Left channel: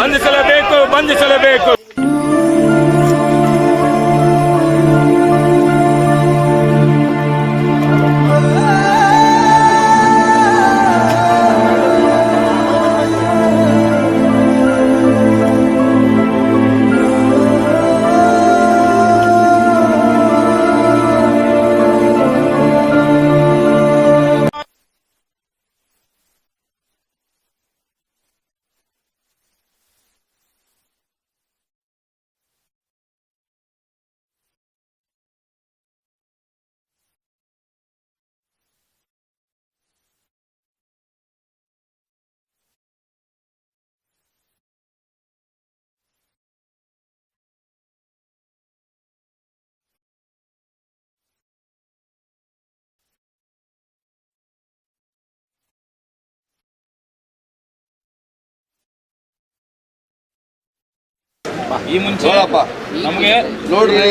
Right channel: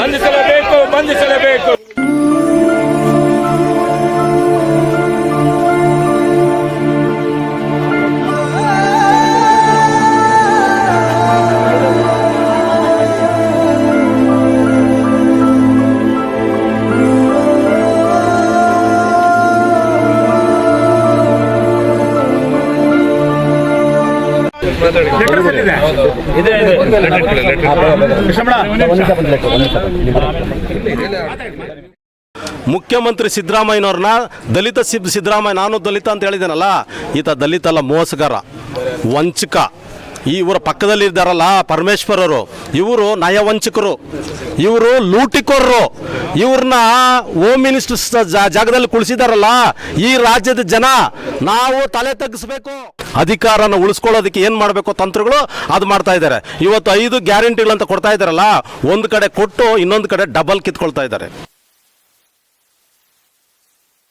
ಬಂಧಿಸಲೇಬೇಕು ಬಂಧಿಸಲೇಬೇಕು. ಮುಖ್ಯಮಂತ್ರಿ ಸಿದ್ದರಾಮಯ್ಯನವ್ರನ್ನ ದಲಿತ ಸಿದ್ದರಾಮಯ್ಯ, ನಾನು ದಲಿತ ಅಂತ ಹೇಳಿದ್ದೇನಲ್ಲ, ಈತ ದಲಿತ ಅಲ್ಲ, ಮೋಸಗಾರ, ವಂಚಕ. ಇವರ ಪಕ್ಕದಲ್ಲಿ ಇದ್ದಾರಲ್ಲ ಪರಮೇಶ್ವರರು, ಇವರು ನಯವಂಚಕರು, ಇವರು ಲೂಟಿಕೋರರು. ಇವ್ರನ್ನ ಹೋಮ್ ಮಿನಿಸ್ಟರ್ ಜಾಗದಲ್ಲಿ ಕುಳಿಸಿದಾರಲ್ಲ ಈ ರಾಜ್ಯದ ಜನ. ನಾವು ತಲೆ ತಗ್ಗಿಸ್ಬೇಕು. ಅಧಿಕಾರನ ಉಳಿಸ್ಕೊಳ್ಳೋದಕ್ಕೆ ಏನು ಮಾಡಬೇಕು ತಂತ್ರಗಳು ಅದು ಮಾಡ್ತಾ ಇದ್ದಾರೆ. ಇವತ್ತು 5 ಗ್ಯಾರಂಟಿಗಳಂತ ಕೊಡ್ತಾ ಇದ್ದಾರಲ್ಲ, ಒಂದು ಕಡೆ ಕೊಟ್ಟು ಇನ್ನೊಂದು ಕಡೆ ಡಬಲ್ ಕಿತ್ಕೊಳ್ತಾ ಇದ್ದಾರೆ. ಈ ಮುಂಚೆ ನಮಗೆ ನೋಡ್ರಿ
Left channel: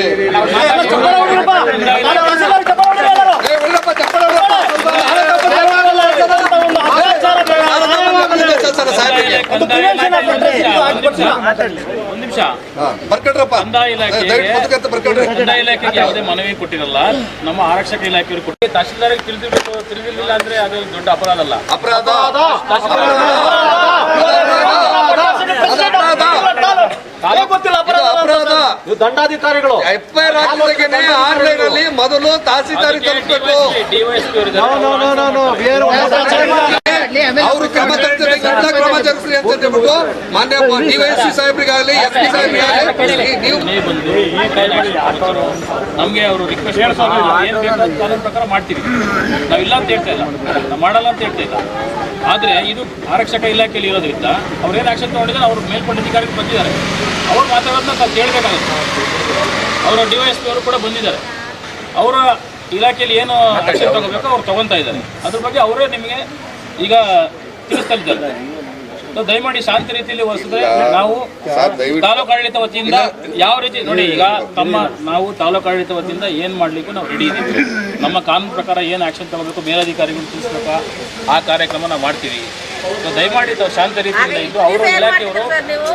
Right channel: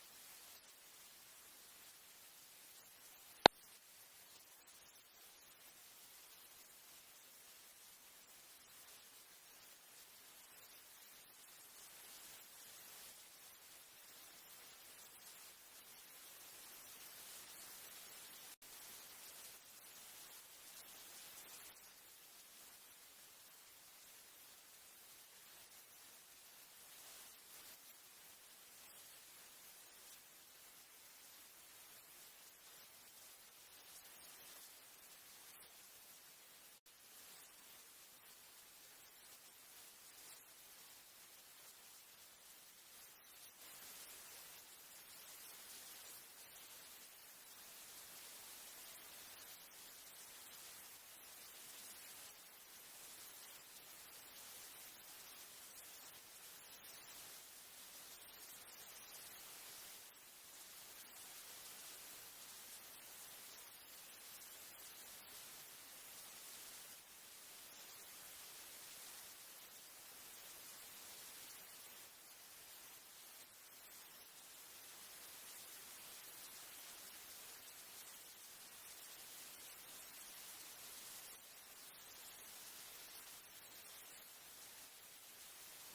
ಕಂದಾಯ ಇಲಾಖೆಗೆ ಯಾವುದೇ ಮನವಿ ಕೊಟ್ಟಿರಲ್ಲ, ನಮ್ಮ ಆರಕ್ಷಕ ಇಲಾಖೆಯವರು ಕೊಟ್ಟು ತಹಶೀಲ್ದಾರ್ಗೆ ತಿಳಿದಿರಲಿಲ್ಲ ಅಂದ್ರೆ ಅದು ದೊಡ್ಡ ಅಪರಾಧ ಅಲ್ಲ. ದಂಡಾಧಿಕಾರಿಗಳು ಎಫ್ಐಆರ್ ಆನ್ಲೈನ್ ಅಲ್ಲಿ ಮೊದಲು ತಹಸೀಲ್ದಾರ್ ತಲುಪಬೇಕು. ಅವರು ಕ್ರಮ ಜರುಗಿಸಲಿ ಅಂತ ಹೇಳ್ಬಿಟ್ಟು ಮಾನ್ಯ ಡಿವೈಎಸ್ಪಿ ಸಾಹೇಬ್ರಿಗಾಗಲಿ ಎಸ್ಪಿ ಸಾಹೇಬ್ರಿಗಾಗಲಿ ನೀವು ನಮ್ಗೆ ಅವರು ರಿಕ್ವೆಸ್ಟ್ ಏನ್ ಬೇಕಾದ ಪ್ರಕಾರ ಮಾಡ್ತೀವಿ. ನಾವಿಲ್ಲ ಅಂತ ಹೇಳ್ತಾ ಇಲ್ಲ, ನಾವು ಮಾಡಲ್ಲ ಅಂತ ಹೇಳ್ತಾ ಇಲ್ಲ. ಆದ್ರೆ ಇದು ಆರಕ್ಷಕ ಇಲಾಖೆಯಲ್ಲಿ ಇರೋದ್ರಿಂದ ಅವ್ರು ಏನು ಆಕ್ಷನ್ ತಗೊಂಡಿದ್ದಾರೆ, ಅವ್ರ ಮೇಲ್ಪಟ್ಟ ಅಧಿಕಾರಿಗಳು ಬಂದಿದ್ದಾರೆ, ಅವ್ರು ಮಾತಾಡೋದನ್ನ ನಾವು ಕೇಳಬೇಕಾಗುತ್ತೆ. ಅವರ ಡಿವೈಎಸ್ಪಿ ಅವರು ಕೂಡ ಬಂದಿದ್ದಾರೆ, ಅವರ ಇಲಾಖೆಯಲ್ಲಿ ಏನು ಆಕ್ಷನ್ ತಗೋಬೇಕು ಅವ್ರು ತಗೊತಾ ಇದ್ದಾರೆ. ಅದ್ರ ಬಗ್ಗೆ ಅವರೇ ನಿಮಗೆ ಈಗ ತಿಳಿಸ್ತಾ ಇದ್ದಾರೆ. ದಯಮಾಡಿ ಶಾಂತಿ ರೀತಿಯಲ್ಲಿ ವರ್ಸಿದ್ರೆ ನಾವು ತಾಲೂಕು ಆಡಳಿತ ವತಿಯಿಂದ ಯಾವ ರೀತಿ ನೋಡಿ, ಈಗ ನಾವು ತಾಲೂಕು ಆಡಳಿತ ವತಿಯಿಂದ ಏನು ಮಾಡಲಿಕ್ಕೂ ನಾವು ರೆಡಿ ಇದ್ದೀವಿ. ನಮ್ಮ ಕಾನೂನು ಪ್ರಕಾರ ಏನು ಆಕ್ಷನ್ ತಗೋಬೇಕು, ಮೇಲಧಿಕಾರಿಗಳು ತಿಳಿಸ್ಬೇಕು, ಆ ಕಾರ್ಯಕ್ರಮ ನಾವು ಮಾಡ್ತೀವಿ. ದಯಮಾಡಿ ತಾವು ಶಾಂತ ರೀತಿಯಿಂದ ಇದ್ದು ಅವರು ಇಲಾಖೆಯವರು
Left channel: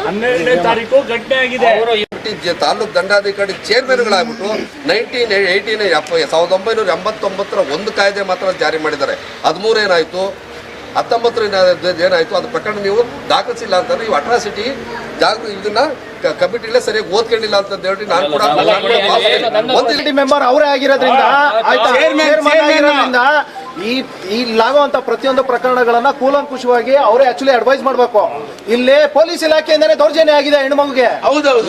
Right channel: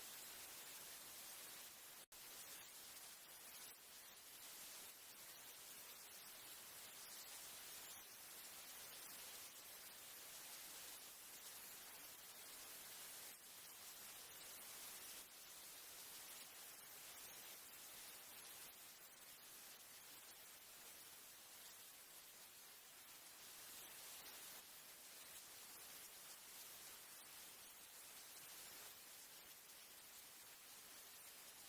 12ನೇ ತಾರೀಕು ಘಟನೆ ಆಗಿದೆ. ಅವರು ತಾಲೂಕು ದಂಡಾಧಿಕಾರಿ ಚೇರ್ಮನ್ಗಳಾಗ್ಬಿಟ್ಟು 1989 ಒಂದು ಕಾಯ್ದೆ ಮಾತ್ರ ಜಾರಿ ಮಾಡಿದ್ದಾರೆ. 13 ಏನಾಯ್ತು, 19 ಏನಾಯ್ತು, ಅದು ಪ್ರಕರಣ ನೀವು ದಾಖಲಿಸಿಲ್ಲ ಅಂತಂದ್ರೆ ನೀವು ಅಟ್ರಾಸಿಟಿ ಇದನ್ನ ಕಮಿಟಿಲೇ ಸರಿಯಾಗಿ ಓದ್ಕೊಂಡಿಲ್ಲ ಅಂತ ಹೇಳಿ ನಾನು ಕೂಡ ಮೆಂಬರ್ ಅವರೇ ಆಗಿರೋದ್ರಿಂದ ಇಲ್ಲಾಗುವಂತ ಪ್ರತಿಯೊಂದು ಪ್ರಕರಣಗಳನ್ನ ಕೂಲಂಕುಷವಾಗಿ ಅವರೇ ಆಕ್ಚುಲಿ ಅಡ್ವೈಸ್ ಮಾಡಬೇಕು. ಇಲ್ಲಿ ಪೊಲೀಸ್ ಇಲಾಖೆಯಿಂದನೇ ದೌರ್ಜನ್ಯ ಆಗಿದೆ, ಹೆಣ್ಮಗುಗೆ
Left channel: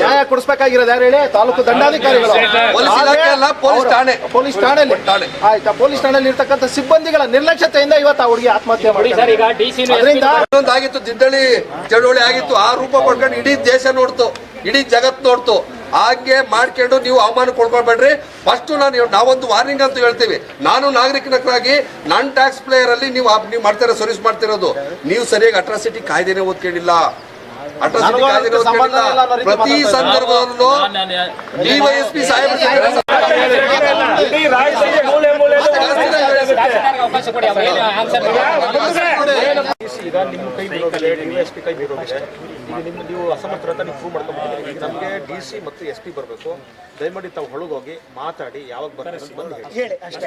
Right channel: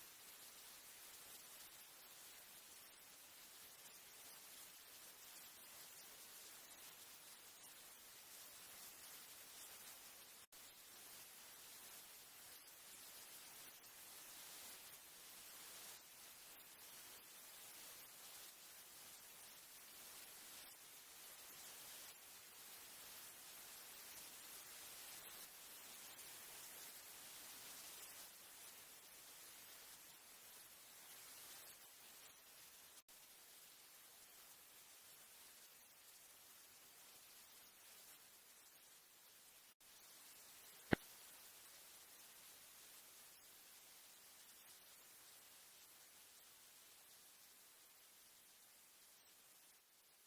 ನ್ಯಾಯ ಕೊಡಿಸಬೇಕಾಗಿರೋದು ಯಾರು ಹೇಳಿ? ತಾಲೂಕು ದಂಡಾಧಿಕಾರಿಗಳು, ಪೊಲೀಸ್ ಠಾಣೆಯಲ್ಲಿ. ಆಯ್ತಾ, ಪೊಲೀಸ್ ಠಾಣೆಯಲ್ಲಿ ಇರ್ತಕ್ಕಂಥ ಸಿಬ್ಬಂದಿಗಳ ನಿರ್ಲಕ್ಷ್ಯತೆಯಿಂದ ಇವತ್ತು ಆ ಹುಡುಗಿ ಆತ್ಮಹತ್ಯೆ ಮಾಡಿದ್ದಾರೆ. ಆಗಿತ್ತು, ದಿದ್ದಳಿ ಚಳವಳಿ ಆಗಿತ್ತು, ಆ ರೂಪ ಪಡ್ಕೊಂಡು ಇಡೀ ದೇಶ ನೋಡ್ತು, ಇಡೀ ಜಗತ್ ನೋಡ್ತು. ಹಾಗೆ ಮಾಡ್ಕೊಂಡು ನೀವು ಅವಮಾನ ಕೊಡ್ಕೊಳ್ಬೇಡ್ರಿ. ಫಸ್ಟ್ ನಾವೊಂದು ವಾರ್ನಿಂಗ್ ಅಂತ ಹೇಳ್ತೀವಿ. ನಾನು ನಾಗರಿಕನಾಗಿ ನಾನ್ ಟ್ಯಾಕ್ಸ್ ಪ್ಲೇಯರ್ ಅಲ್ಲಿ ನೀವು ಮಾಡ್ತೀರ, ಸರ್ವಿಸ್ ಮಾಡ್ತಿರೋದು. ನೀವು ಸರಿಯಾಗಿ ಅಟ್ರಾಸಿಟಿ ಕಾಯ್ದೆನೇ ಓದ್ಕೊಂಡಿಲ್ಲ. ಅಟ್ರಾಸಿಟಿ ಕಾಯ್ದೆನೇ ಓದ್ಕೊಂಡಿಲ್ಲ. ಪ್ರತಿ ಸಂದರ್ಭದಲ್ಲೂ ಡಿವೈಎಸ್ಪಿ ಸಾಹೇಬ್ ಈಗ ನಿಮ್ಮ ಕೈ ಡಿವೈಎಸ್ಪಿ ಕೈ ಬಿಡೋದಿದೆ. ಈಗ ನೀವು ಅಸಮರ್ಥ ಅಂತ ನೀವು ಪ್ರೂವ್ ಮಾಡ್ಕೊಂಡ್ಬಿಟ್ಟಿದ್ದೀರಿ. ಈಗ ನಮಗೆ DC ಮತ್ತು SP ಬರಬೇಕು. ದಯಮಾಡಿ ತಾವು ಹೊಳಗೋಗಿ ಮಾತಾಡಿ, ಯಾವಾಗ ಬರ್ತಾರೆ ಬಂದು ಹೇಳಿ ಅಷ್ಟೇ.